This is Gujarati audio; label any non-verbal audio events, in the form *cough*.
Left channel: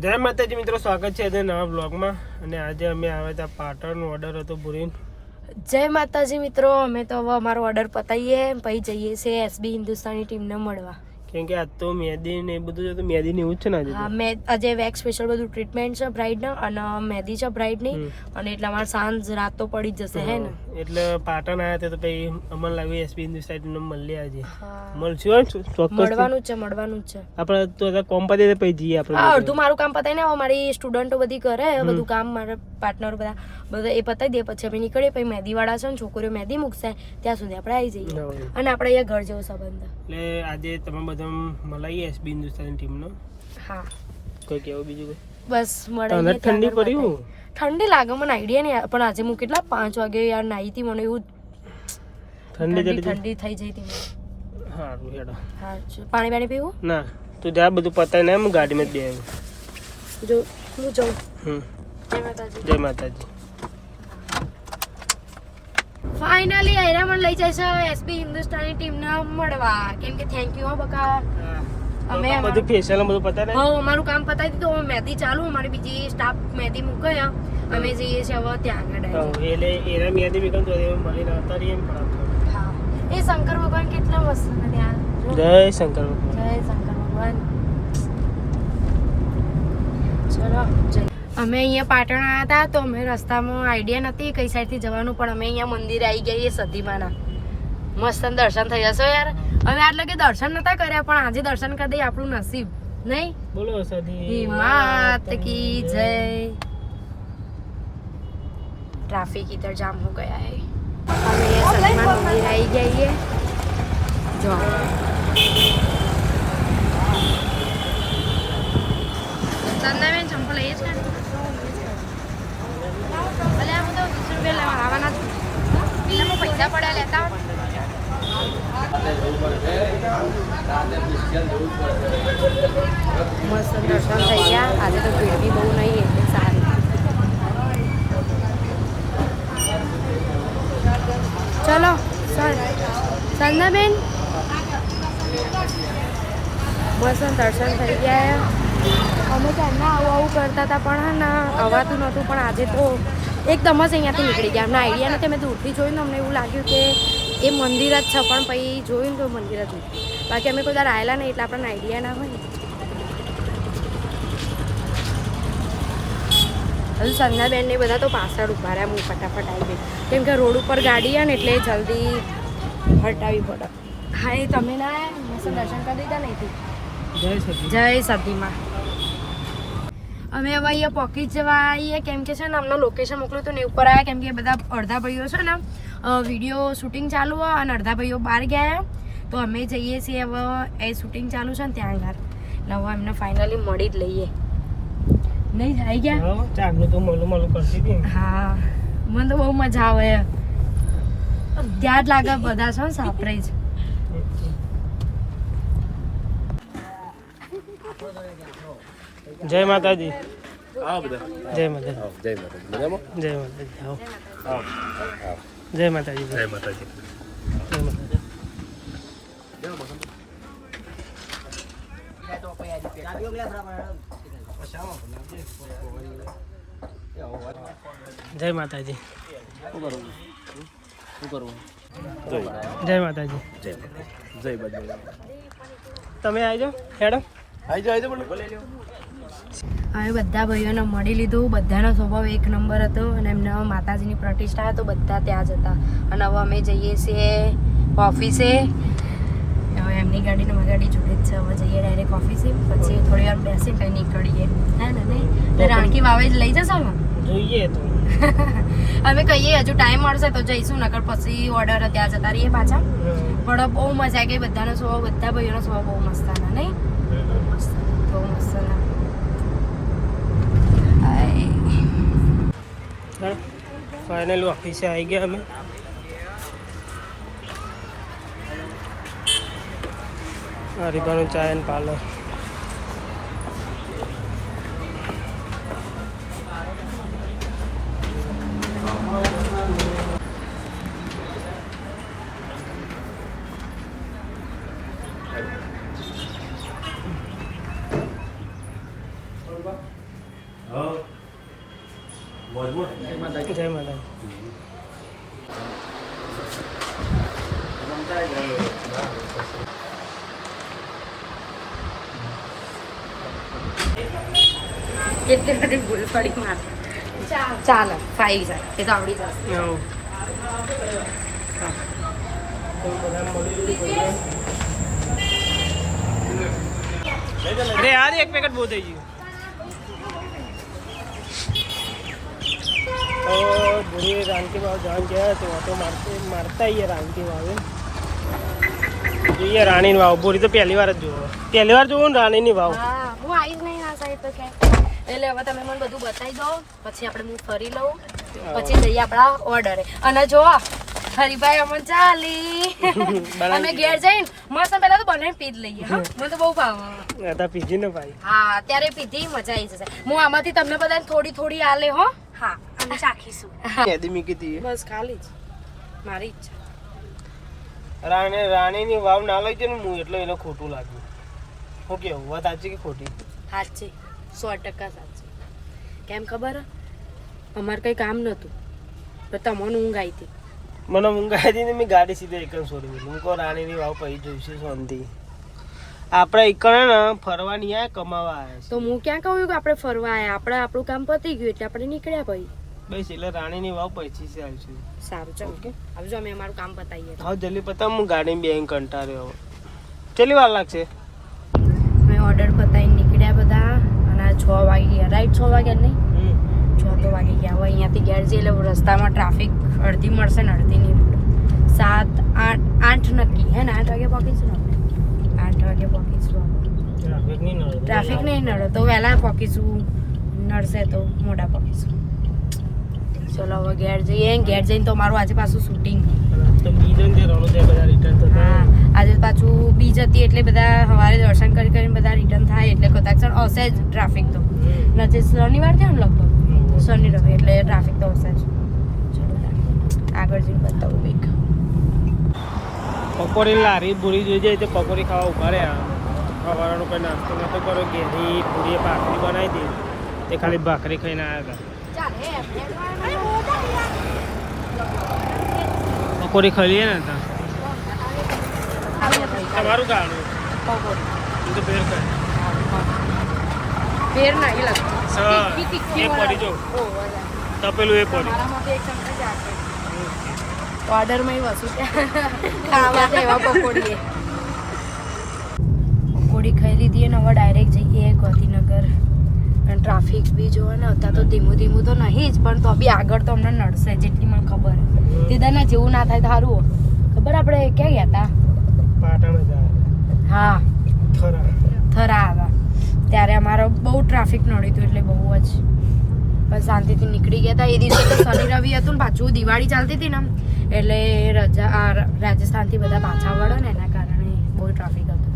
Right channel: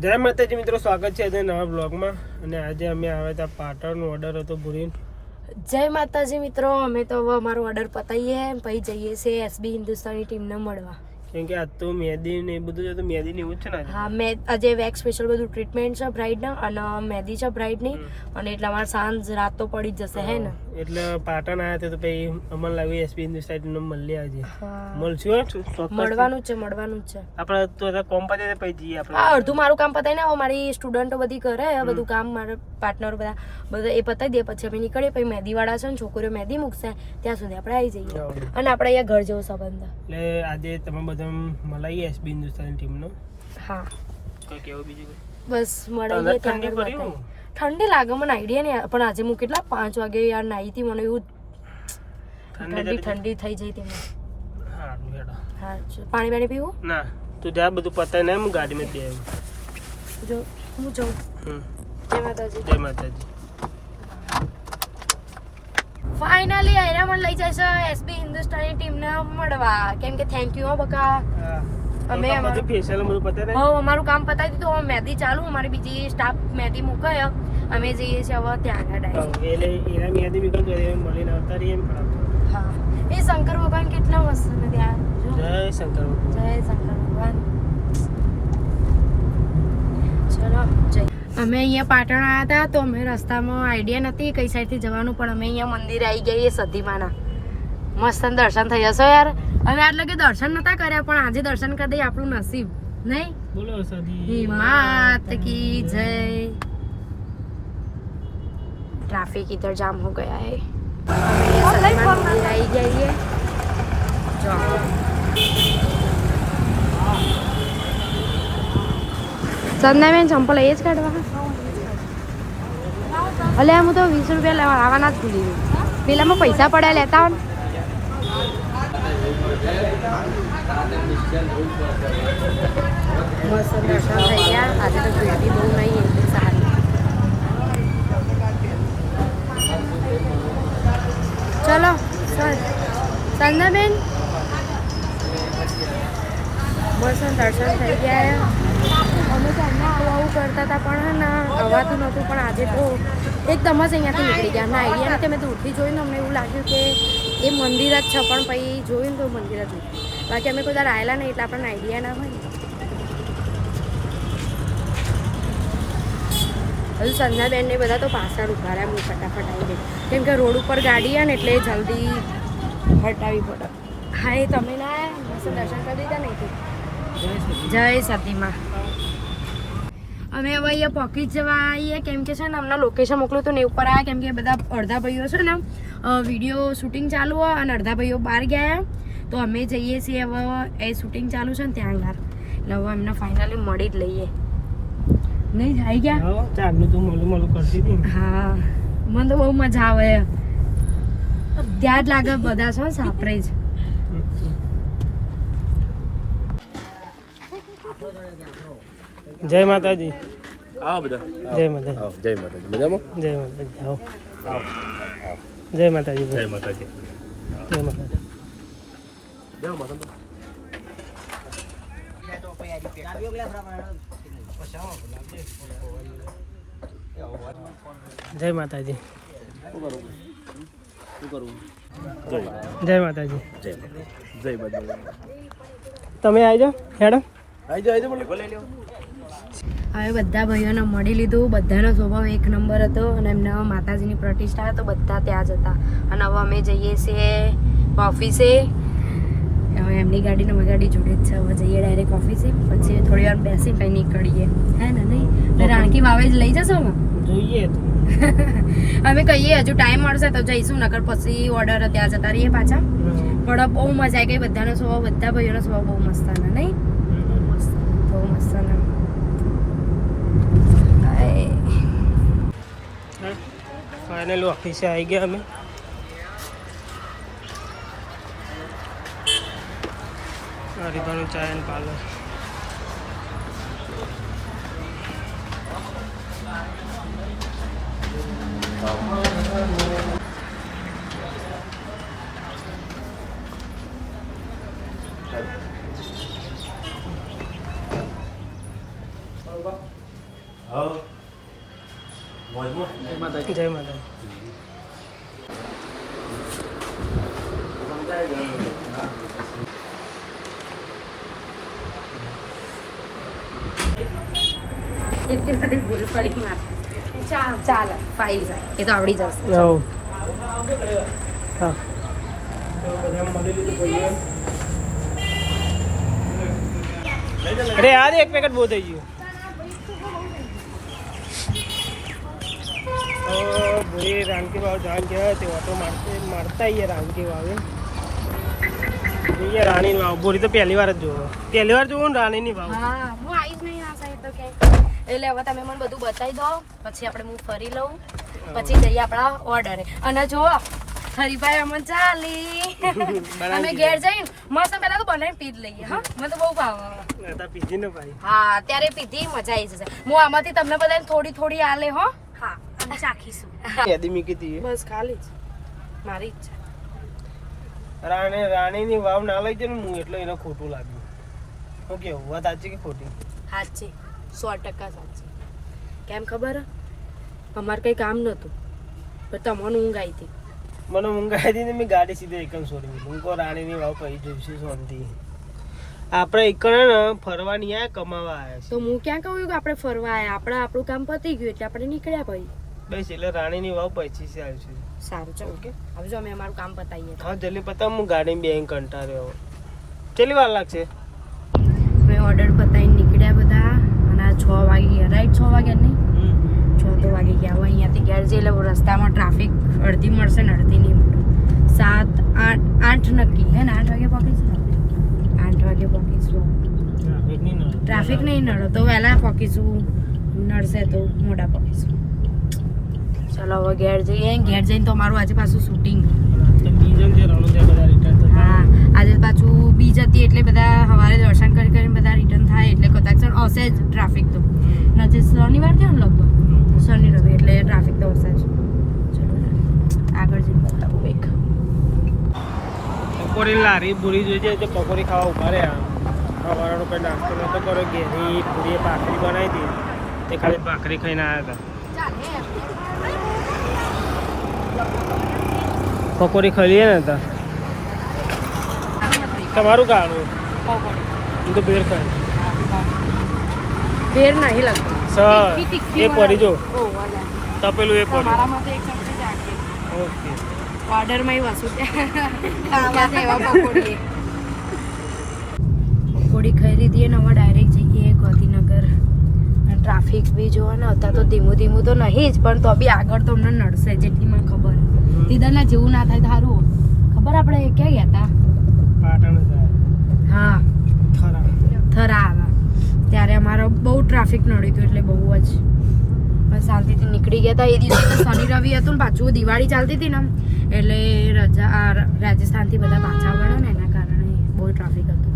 જય માતાજી મિત્રો સ્વાગત છે આજે નવા બ્લોગમાં અને આજે અમે આવ્યા હતા પાટણનો ઓર્ડર હતો ભૂરીન. જય માતાજી મિત્રો અમે તો હવે અમારો ઓર્ડર પતાવીએ પછી જઈએ છીએ એસબી હિન્દુસ્તાની ટીમને મળવા. કેમ કે આજ તો મહેંદી ને એ બધું છે તો મહેંદી ને એવું જ છે ને હા મેં આજે વેક્સ સ્પેશિયલ બધું ટ્રીટમેન્ટ છે બ્રાઇડના અને મહેંદી છે બ્રાઇડની અને એટલે અમારે સાંજ રાત તો પડી જ જશે હે ને? એટલે પાટણ આવ્યા તો પછી અમને લાગ્યું એસપી હિન્દુસ્તાન મળીએ આજે. હા. મળશું. મળવાનું જ છે મળવાનું જ છે. આપણે તો કોમ પતે પછી જઈએ આપણે. અડધું મારું કામ પતાવી ને મારી સ્ટુડન્ટો બધી કરે બધું કામ મારા પાર્ટનર બધા બધા એ પતાવી દે પછી અમે નીકળીએ પછી મહેંદી વાળા છે ને છોકરીઓ મહેંદી મૂકશે ત્યાં સુધી આપણે આવી જઈએ. અને આપણે અહીંયા ઘર જેવો સંબંધ. એટલે આજે તમે બધા મળાઈએ એસબી હિન્દુસ્તાન ટીમનો? હા. તો કેવું બીજું બસ મળીએ ત્યાં ઠંડી પડી? ઠંડી લાગે મને આઈડિયા નહીં પણ આજે હું કેટલા પાંચ વાગે યાર નાઈ હતી મને એવું ઠંડી ઠંડી થઈ જઈ હતી મને. હા પાણી પાણી પીવું? ના તું જા બધું પતાય ને હું ગાડીમાં જ બે જો હું જઉં. હમ. જય માતાજી. જય માતાજી. ફાઇનલી એના મને લઈ જાય છે એસબી હિન્દુસ્તાની ટીમને મળવા. કેમ કે થેન્ક યુ હો બકા. અમે બધું ફેશિયલ બધું પતાય ને? હવે અમારું કામ પતાવી દીધું. હું મહેંદી ચાલુ અમારી બીજી સ્ટાફ મહેંદી મૂકાય. અમે જઈએ છીએ હવે ત્યાંના ડાયરેક્ટ એટલે એના મ્યાદી બી તો એમ મળીને આવતા રહીએ હા. એ શંકર ભગવાન કેટલા મસ્ત ને ત્યાં? જય શંકર ભગવાન. જય શંકર ભગવાન. ચલો જય. અમે અહીંયા પાટણ આવ્યા હતા તો અમે રસ્તામાં આઈડિયા નથી કઈ સાઈડથી જવાનું પણ અમે અહીંયા મંદિર આવી ગઈ એ સતીમાના મસ્ત દર્શન થઈ જશો યાર. અમે આટલે કે દર્શન નતા કર્યા પણ આજે દર્શન કરી દઈએ આપણું નસીબ. નહીં? બોલો સદી માત કી જય. ट्रैफिक इधर जाम हो गया है हमें ये सलमान मंदिर आई गई है ચંદાબેન ચંપલ એ જ કાઢવા ભલે હું તો વીસ રૂપિયા લેવા આવવાના જ છું પેલામાં પૈસા પડ્યા લેતા હોય ને. મસ્ત દર્શન થઈ ગયા આજે તો ભીડ બી બહુ નહીં એટલે સારી ચલો સંદાબેન બસ દર્શન થઈ ગયા અમે એમના આવું આવું કરતા હતા, પણ હે ને, અવાતું નહોતું, પણ આજે તો એકદમ જ અહીંયાથી નીકળી ગયા. અમને આઈડિયા નથી, અમે દૂરથી જોયું ને અમને એવું લાગ્યું કે એ મંદિર જ છે, પણ પછી જોયું તો મંદિર જ નહીં બાકી અમે કોઈ દર આવેલા નહીં, એટલે આપણને આઈડિયા ના હોય હજુ સંધ્યાબેન ને બધા તો પાછળ ઊભા રહ્યા હું ફટાફટ આવી ગઈ. કેમ કે રોડ ઉપર ગાડી છે ને એટલે જલ્દી હટાવી પડે. હા એ તમે ના? મસ્ત દર્શન કરી દીધા નહીં જય સતીમાં અમે હવે અહીંયા પોકી જવા આવીએ. કેમ કે છે ને અમને લોકેશન મોકલ્યું હતું ને ઉપર આવ્યા કેમ કે બધા અડધા ભાઈઓ છે ને વીડિયો શૂટિંગ ચાલુ હોય અને અડધા ભાઈઓ બહાર ગયા તો અમે જઈએ છીએ હવે એ શૂટિંગ ચાલુ છે ને ત્યાં આગળ. એટલે હવે એમને ફાઇનલી મળી જ લઈએ. નહીં આવી ગયા? હા ચાંદનું તો મોલું મોલું કરતી હતી હા મને તો બહુ મજા આવે. ત્યાં જ લાગે બધા છો સાપરે જ. જય માતાજી. આવો બધા. જય માતાજી. જય માતાજી. મજામાં? જય માતાજી આવો. આવો. જય માતાજી. જય માતાજી. જય માતાજી. જય માતાજી. જય જય માતાજી. જય માતાજી. જય બાજુ તમે આવજો મેડમ આઈ જાઓ હવે બધા ભાઈઓને મળી લીધું. બધાનો સ્વભાવ એક નંબર હતો અને એમને માતાજીની પ્રતિષ્ઠા તો બધા ત્યાં જ હતા. અને હવે અમે જઈએ છીએ ઓફિસે. હવે એમની ગાડીને મારી ગાડી જોડે જ છે. હવે જઈએ ડાયરેક્ટ ઓફિસે. પછી થોડી વાર બેસી કંઈ નીકળીએ. રાણકી વાવે જ લઈ જશો? ને જોઈએ તો. *laughs* અમે કહીએ હજુ ટાઈમ મળશે તો જઈશું નકર પછી ઓર્ડર ત્યાં જતા રહીએ પાછા. પણ બહુ મજા આવી ગઈ બધાનો સ્વભાવ બધા ભાઈઓનો સ્વભાવ બહુ મસ્ત હતા નહીં? બહુ મસ્ત બહુ મસ્ત હતા. ફાઇનલ ઓફિસે આવી ગયા અમે. હરિભાનું ચાય એન્ડ પાર્લર. જય માતા એટલી બધી ભૂલ પડી માં ચાલે ખાઈ જાય એ તો આવડી જશે હા ભજીયા. અરે યાર એક પેકેટ બહુ થઈ ગયું ભૂરી રાનકી વાવ ગયા તે પહેલી વાર જ જોવો પહેલી વાર જોવું ને રાણીની વાવ આવીશ નહીં આ સાઈડ તો ક્યાંય એટલે હવે તમે મને બધું બતાવી દો. પછી આપણે હું ફરી લઉં. પછી જઈએ આપણા ઓર્ડરે અને જો હરીભાઈ અમન ચાલી. *laughs* અમે ઘેર જઈને મસ્ત પહેલા તો બનાવી પી જ લઈએ હા. મને તો બહુ ભાવે. પીધી ને ભાઈ. હા અત્યારે પીધી મજા આવી જશે. હું આમાંથી તમને બધાને થોડી થોડી આલે હો. હા અને ચાખીશું. યાદી મૂકી કીધી બસ ખાલી જ. મારી ઈચ્છા. રાણી રાણીની વાવ ના લઈ જાય ને હું એટલે એને ખોટું લાગ્યું. હું કેવું? વાત સાચી કે ખોટી? સાચી. સો ટકા સાચું. કેમ ખબર? અમારે કંઈ કામ નહોતું. પણ તમને ઊંઘ આવી હતી મને ઊંઘ આવી હતી ને મેં ગાડી સીધે એકન છોડી દીધી હું કહું રાણીની વાવ પછી જોઈશું શાંતિ. આપણે એકણ ને ફરવા નહીં આવ્યા કમાવા આવ્યા તો હું ક્યાં કહું કે આપણે ફરવા આવ્યા આપણે આપણું કામ પતી ગયું એટલે આપણે નીકળ્યા ભાઈ. બસ એટલે રાણીની વાવ પછી છે આવશે સારું ચાલો. ઓકે. આવજો અમે અમારું કામ પતાવીએ. હા જલ્દી પતા હું ગાડીમાં બેંક કંટાળ્યો કેટલી વાર લાગશે? અમે ઓર્ડર પતાવીને નીકળ્યા બધા. છ વાગી ગયા રાઈટ છ વાગ્યા નહીં છ તો વાગી ગયા. હવે અહીંયાથી ઘેર જઈએ એટલે રસ્તામાં ટ્રાફિક અડધી મળશે ને અડધી નહીં મળે. સાત આઠ આઠ નક્કી. હે ને? આઠ વાગે પહોંચીશું આપણે? આઠ વાગે પહોંચીશું. ટ્રાફિક નહીં નડે. નડો. તો વહેલા પહોંચીશું. નડશે તો મોટા પહોંચીશું. ચલો હવે ઘેર જઈએ. ઘેર જઈને તો મારું આજે પાછું શૂટિંગ એટલે બધા સવારે દર્શન કરી કરીને બધા રિટર્ન થાય એટલે કદાચ હશે જ ટ્રાફિક તો. નથી શનિવાર થયો ને લગભગ? શનિ રવિ એટલે ટ્રાફિક તો હશે જ. આગળ જઈને બતાવું કંઈક પકોડી લારી પૂરી જોઈ જાય તે પકોડી ખાવા ઊભા રહ્યા. સવારનો કોઈ નાસ્તો નતો કર્યો ઘેરી પૂરી ભાખરી બનાવી હતી. તે ખાલી ભાખરી ખાઈને આવ્યા હતા. પકોડી ખાઈ લઈએ ને હતા તમારું કારણ હું તો બેર ખાઈ બેર નહીં લાગતો સર એ પડી જો. તપેલું એ પડી. ઓર્ડરમાં એ વસુ પકોડી પકોડી ખાઈ લીધી અને હવે ડાયરેક્ટ જઈએ ગાંધીનગર. અને ટ્રાફિક બી જોવો ને અત્યારે તો ધીમું ધીમું તો નહીં જ પણ તો બી આગળ તો અમને નડશે જેટલી મને ખબર. દીદાના જેવું ના થાય તો સારું ખબર આપણે ક્યાં ગયા હતા? હા. થરા આવ્યા ત્યારે અમારો બહુ ટ્રાફિક નડ્યું હતું એટલે બહુ જ. પણ શાંતિથી નીકળી ગયા હતા. એ દિવસે તો શનિ રવિ હતું ને પાછું દિવાળી ચાલતી હતી ને એટલે રજા રાજસ્થાનથી બધા પાછા વળે ને એના કારણે બહુ ટ્રાફિક હતું.